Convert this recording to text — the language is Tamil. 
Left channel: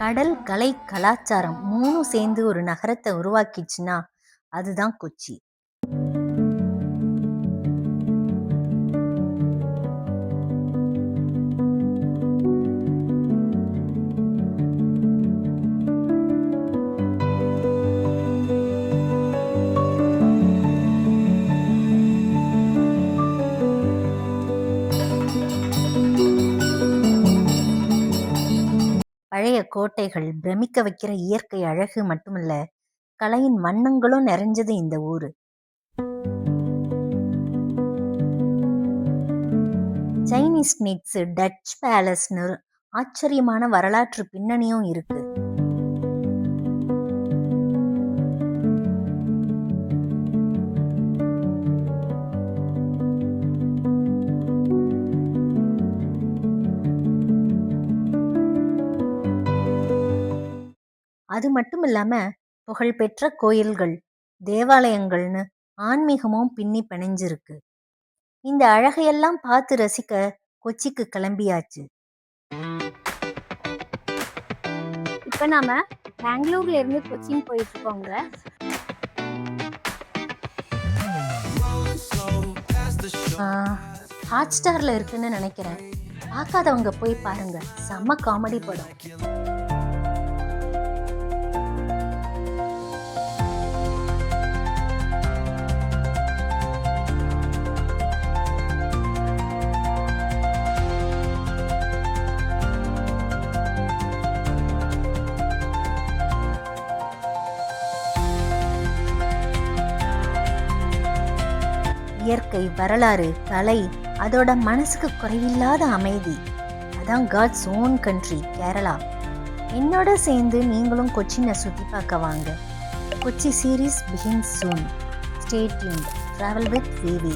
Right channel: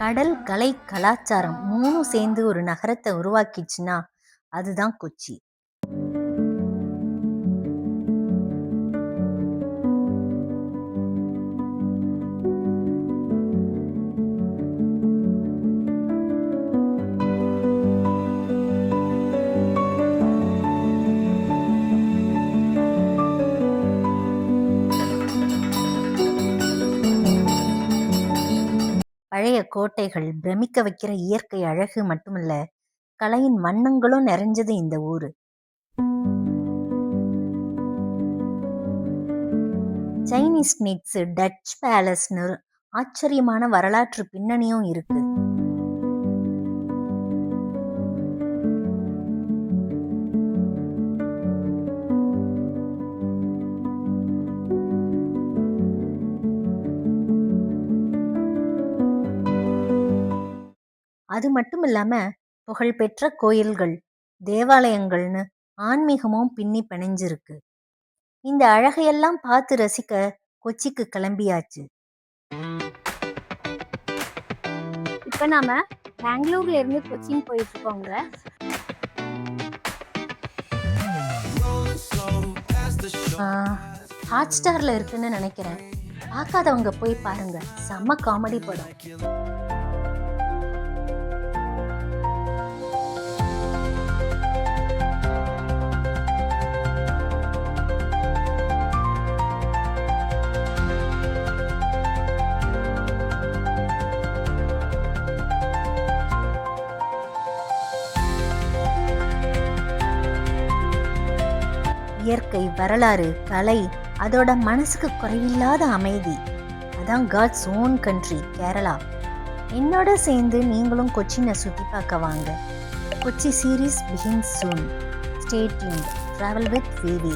கடல், கலை, கலாச்சாரம் 3ம் சேர்ந்து ஒரு நகரத்த உருவாக்கிச்சுன்னா, அதுதான் கொச்சி. பழைய கோட்டைகள், பிரமிக்க வைக்கிற இயற்கை அழகு மட்டுமில்ல, கலையின் வண்ணங்களும் நிறைஞ்சது இந்த ஊரு. சைனீஸ் நிட்ஸ், டச் பேலஸ்னு ஆச்சரியமான வரலாற்று பின்னணியும் இருக்கு. அது மட்டும் இல்லாம புகழ்பெற்ற கோயில்கள், தேவாலயங்கள்னு ஆன்மீகமும் பின்னி பிணைஞ்சிருக்கு. இந்த அழகையெல்லாம் பார்த்து ரசிக்க கொச்சிக்கு கிளம்பியாச்சு. இப்ப நாம பெங்களூர்ல இருந்து கொச்சின் போயிட்டு இருக்கோங்க. ஹாட் ஸ்டார்ல இருக்குன்னு நினைக்கிறேன். பார்க்காதவங்க போய் பாருங்க, செம்ம காமெடி படம். இயற்கை, வரலாறு, கலை, அதோட மனசுக்கு குறைவில்லாத அமைதி. அதான் காட்ஸ் ஓன் கண்ட்ரி கேரளா. என்னோட சேர்ந்து நீங்களும் கொச்சினை சுற்றி பார்க்க வாங்க. Kochi series begins soon. Stay tuned. Travel with VV.